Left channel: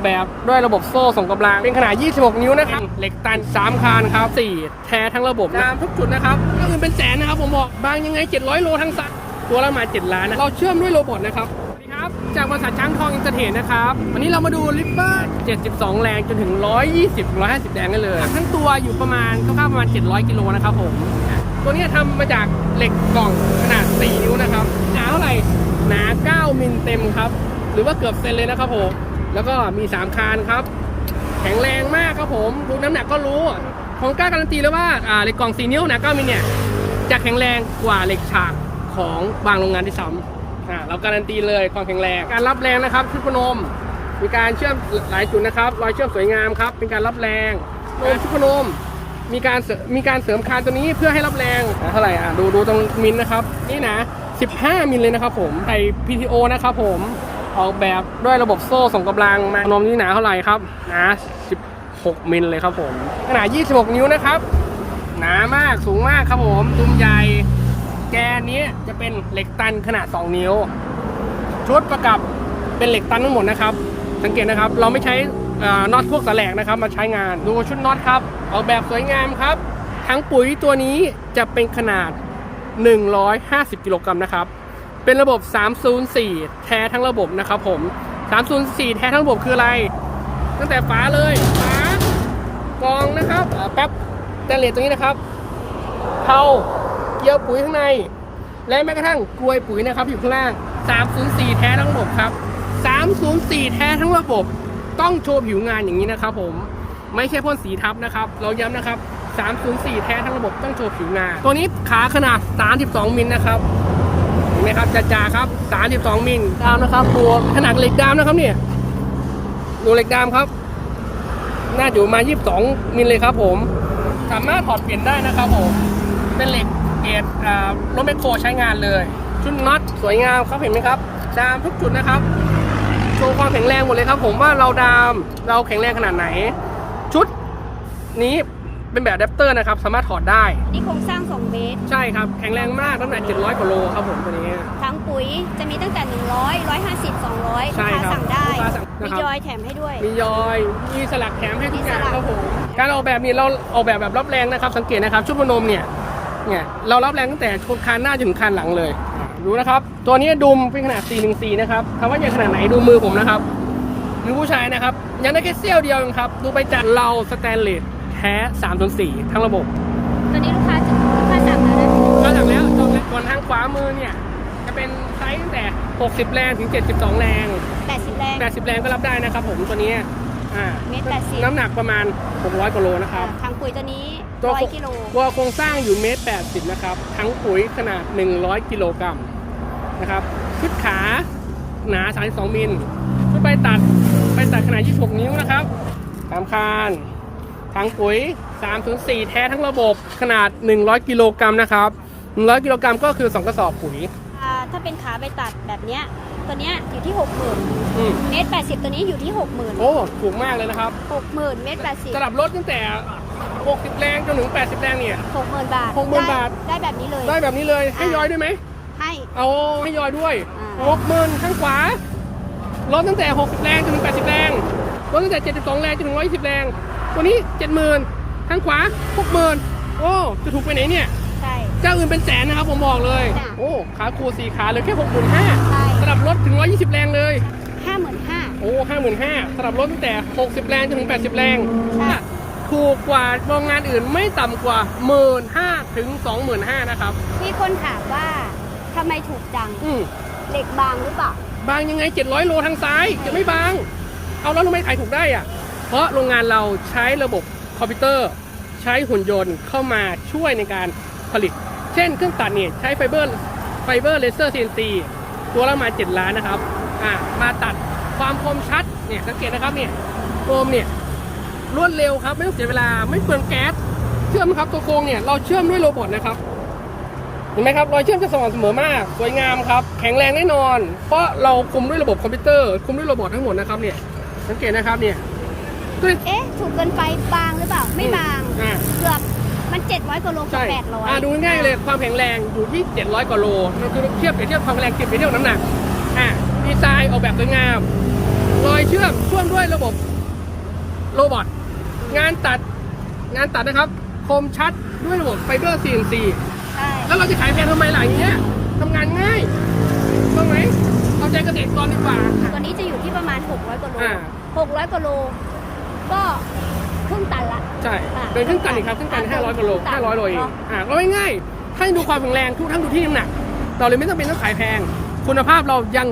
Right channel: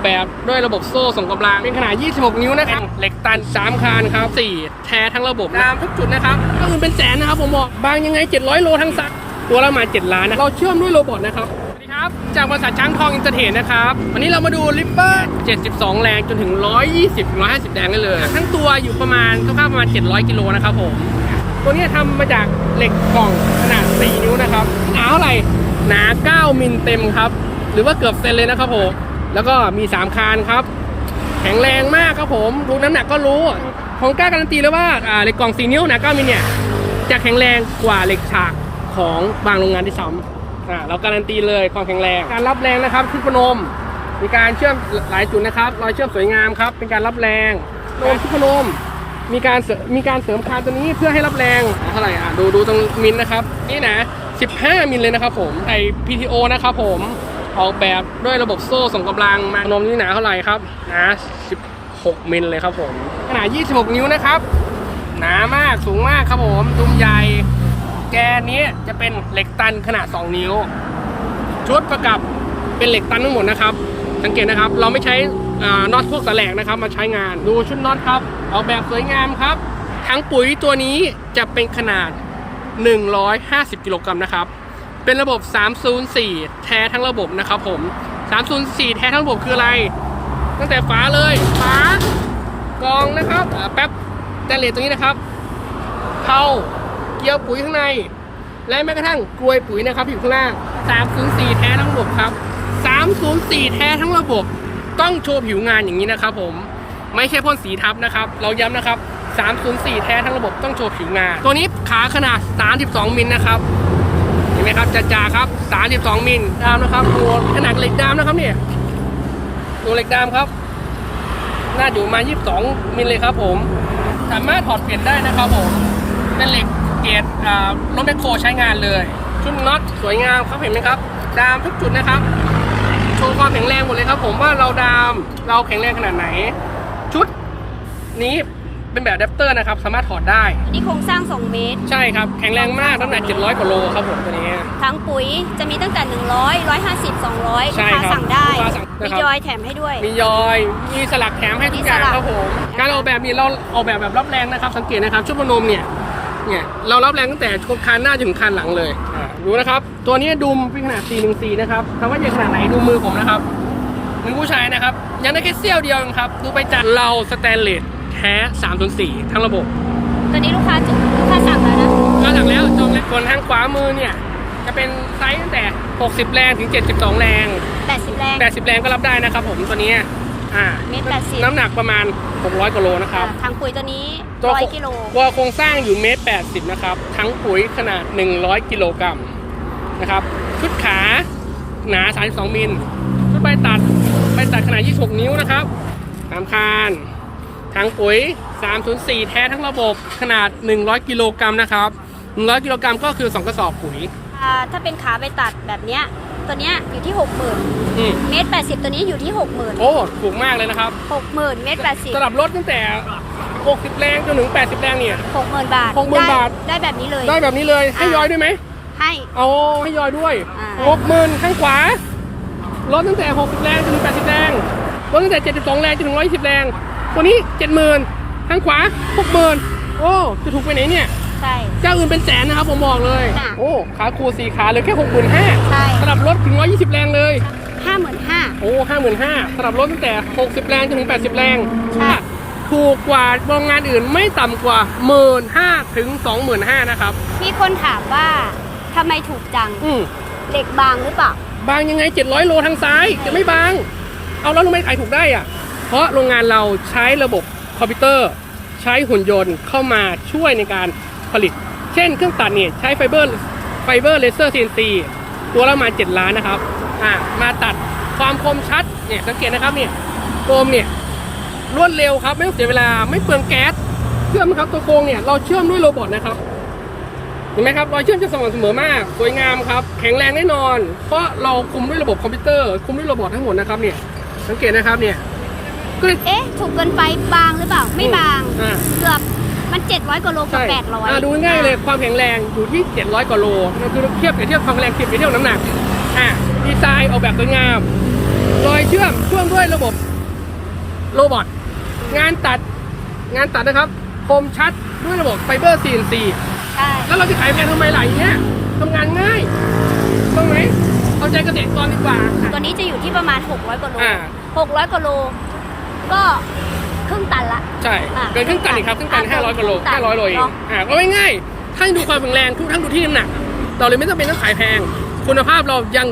อกแบบด้วยระบบโซ่ส่งกำลัง เป็นขนาด 26 นิ้วนะครับ เหล็กตัน 3 คานครับ 4 แท้ทั้งระบบตามทุกจุดนะครับก็คือเป็นแสนนะครับ ผมบอก บางยังไง 700 โลทั้งสัก ตัวละประมาณ7ล้านนะเราเชื่อมด้วยโรบอทนะครับสวัสดีครับจากบริษัทช้างทองอินเตอร์เทนนะครับ วันนี้เรามาดูลิปเปอร์ 72 แรงจนถึง 120 150 แรงได้เลย ทั้งตัวอยู่ประมาณคร่าวๆประมาณ 700 กิโลนะครับผม ตัวนี้ทำมาจากเหล็กกล่องขนาด 4 นิ้วนะครับ หนาเท่าไหร่ หนา 9 มิลเต็มครับ หรือว่าเกือบเซนเลยนะครับผม แล้วก็มี 3 คานครับ แข็งแรงมากครับผมดูน้ำหนักก็รู้ของกล้าการันตีเลยว่าอ่าเหล็กกล่อง4นิ้วหนามิลเนี่ยจะแข็งแรงกว่าเหล็กฉากของบางโรงงานที่ซ้ำอ่าเราการันตีเลยความแข็งแรงการรับแรงนะครับที่พนมมีการเชื่อมหลายจุดนะครับ รอยเชื่อมสวยงามครับ เป็นการรับแรงโนมที่พนมมีการมีการเสริมคานตัวนี้เพื่อให้รับแรงเท่าไหร่อะดูดูตรงมิลนะครับ นี่นะ 15 มิลเลยนะครับผมไอ PTO นะครับผม ออกแบบด้วยระบบโซ่ส่งกำลังมานมนี่หนาเท่าไหร่ครับหนา16มิลเลยครับผมขนาด 26 นิ้วนะครับ หนามากสูงมากครับผมดุมใหญ่ แกนนี้จะเป็นเหล็กตันขนาด 2 นิ้ว ชุดประกับเป็นเหล็กตันทั้งหมดนะครับ สังเกตนะครับ เราไม่ใช้น็อตพวกแสลกนะครับ มาใช้งานดูชุดน็อตครับ ออกแบบสวยงามครับ ทั้งปุ๋ยตัวนี้จะเป็นขนาด 150 กิโลกรัมนะครับ เป็นระบบ 304 แท้ทั้งระบบนะครับผม 304 แท้ทั้งระบบคืออะไร ตั้งแต่ฝาเลยฝากรองนะครับแป๊บแต่เลสตรงนี้นะครับเผาเกี่ยวปุ๋ยข้างใน และแม้กระทั่งกลวยปุ๋ยนะครับอยู่ข้างล่าง 304 แท้ทั้งระบบครับ 304 แท้ทั้งระบบ ต้องโชว์ผิวงานอย่างนี้นะครับผมไม่ใช่พ่นสีทับนะครับ เราย้ำนะครับ 304 แท้ทั้งระบบต้องโชว์ผิวงาน ตัวนี้ขาขนาด 32 มิลนะครับ นไหมครับจ่าๆครับ 32 มิลดามนะครับดูขนาดเหล็กดามนะครับเนี่ยดูเหล็กดามครับ น่าอยู่มา 22 มิลเลยครับผม สามารถถอดเปลี่ยนได้นะครับผมเป็นเหล็กเกรดอ่ารถแมคโครใช้งานเลยชุดน็อตสวยงามครับเห็นไหมครับ ดามทุกจุดนะครับโชว์ความแข็งแรงหมดเลยครับ ผมว่าเราดามเราแข็งแรงขนาดไหน ชุดนี้ เป็นแบบอะแดปเตอร์นะครับ สามารถถอดได้อันนี้โครงสร้าง 2 เมตร ใช่ครับ แข็งแรงมากน้ำหนัก700กว่าโลครับผมตัวนี้ ทั้งปุ๋ยจะมีตั้งแต่ 100 150 200ใช่ลูกค้าครับสั่งได้ลูกค้าสั่งนะครับมียอยแถมให้ด้วย มียอย มีสลักแถมให้ทุกอย่างมีสลัก ครับผม การออกแบบนี้เราออกแบบแบบรับแรงนะครับ สังเกตนะครับชุดพนมเนี่ย เนี่ยเรารับแรงตั้งแต่คานหน้าจนถึงคานหลังเลยอะดูนะครับ ตัวนี้ดุมเป็นขนาด 414 นะครับคำว่าใหญ่ขนาดไหนดูมือผมนะครับมือผู้ชายนะครับ ยังได้แค่เสี้ยวเดียวเองครับ ดูไปจากเราสแตนเลส แท้304ทั้งระบบ ตอนนี้ลูกค้าจุลูกค้าสั่งแล้วนะแล้วจากแล้วจองเล็กส่วนทางขวามือเนี่ย จะเป็นไซส์ตั้งแต่ 60 แรงถึง 72 แรง 80แรง80 แรงก็รับได้นะครับผมตัวนี้อ่าเมตร80น้ำหนักประมาณ 600กิโลนะครับอ่าทางปุ๋ยตัวนี้ตัว100กิโลตัวโครงสร้างอยู่เมตร80 นะครับ ทั้งปุ๋ยขนาด 100 กิโลกรัมนะครับชุดขาหนา 32 มิลชุดใบตัดใบตัดขนาด 26 นิ้วนะครับตามคาน ทั้งปุ๋ย 304 แท้ทั้งระบบขนาด 100 กิโลกรัมนะครับ 100 กิโลกรัมก็คือ 2 กระสอบปุ๋ย อ่าถ้าเป็นขาไปตัดแบบเนี้ยตัวเนี้ยอยู่ที่ 60,000อืมเมตร80 ตัวนี้อยู่ที่ 60,000 โอ้ถูกมากเลยนะครับ60,000เมตรสำหรับรถตั้งแต่ 60 แรงจนถึง 80 แรงเนี่ย80 60,000 บาท 60,000ได้บาท ได้แบบนี้เลย ได้แบบนี้เลยให้อ่ายอยด้วยไหมให้ เอาให้ยอยด้วยอ่า หกหมื่นข้างขวารถตั้งแต่ 60 แรงจนถึง 80 แรงรถตั้งแต่ 72 แรงจนถึง 120 แรง ตัวนี้70,000ข้างขวา60,000โอ้จะถูกไปไหนเนี่ยใช่ เจ้าอื่นเป็นแสนนะครับผมบอกเลย จ้ะโอ้ขาคูสี่ขาเหลยแค่65,000ใช่ สำหรับรถถึง120แรงเลย55,000โอ้55,000สำหรับรถตั้งแต่60แรงจนถึง80แรงใช่ ถูกกว่าโรงงานอื่นไม่ต่ำกว่า15,000ถึง25,000นะครับ มีคนถามว่าทำไมถูกจังอืม เหล็กบางหรือเปล่า บางยังไง 700 โลทางซ้ายจะไม่บาง เอาแล้วรู้ไหมขายถูกได้อะ เพราะโรงงานเราใช้ระบบคอมพิวเตอร์ ใช้หุ่นยนต์เข้ามาช่วยในการผลิต เช่นเครื่องตัดเนี่ยใช้ไฟเบอร์ไฟเบอร์เลเซอร์ CNC ตัวละประมา 7 ล้านนะครับอ่ามาตัดความคมชัดเนี่ยสังเกตนะครับเนี่ยโคมเนี่ยรวดเร็วครับไม่ต้องเสียเวลาไม่เปลืองแก๊สเชื่อมครับตัวโครงเนี่ยเราเชื่อมด้วยโรบอทนะครับเห็นไหมครับรอยเชื่อมจะสม่ำเสมอมาก สวยงามครับแข็งแรงแน่นอน เพราะเราคุมด้วยระบบคอมพิวเตอร์คุมด้วยโรบอททั้งหมดนะครับเนี่ยสังเกตนะครับเนี่ย ก็เลยเอ๊ะ ถูกเกินไปบางหรือเปล่า ไม่บาง อ่า เกือบมัน700กว่าโลกับใช่800อ่าดูง่ายๆเลยความแข็งแรงอยู่ที่ 700 กว่าโลเราคือเทียบกับเทียบความแข็งเทียบกับเทียบน้ำหนักอ่าดีไซน์ออกแบบสวยงามรอยเชื่อมเชื่อมด้วยระบบโรบอทงานตัดงานตัดนะครับ คมชัดด้วยระบบไฟเบอร์ CNC ใช่แล้วเราไปขายแพงทำไมหล่ะอย่างเงี้ยทำงานง่ายต้องไหมเอาใจเกษตรกรดีกว่า ตัวนี้จะอยู่ที่ประมาณ 600กว่าโลอ่า 600กว่าโล ก็ครึ่งตันละ ใช่อะเป็นเครื่องตันครับเครื่องตันอะ500กิโลเครื่องตัน500โลเองเนอะ อ่าก็ง่ายๆถ้าดูความแข็งแรงทุกทั้งดูที่น้ำหนัก เราเลยไม่ต้องเป็นต้องขายแพง คุณภาพเรายัง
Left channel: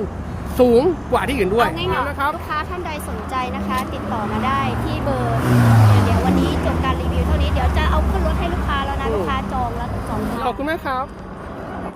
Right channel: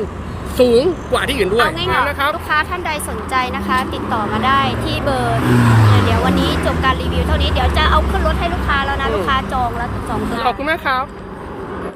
สูงกว่าที่อื่นด้วยเอาง่ายนะครับ ๆลูกค้าท่านใดสนใจนะคะ ติดต่อมาได้ที่เบอร์ เดี๋ยวเดี๋ยววันนี้จบการรีวิวเท่านี้เดี๋ยวจะเอาขึ้นรถให้ลูกค้าแล้วนะ อืม ลูกค้าจองแล้วจองเครื่องขอบคุณมากครับ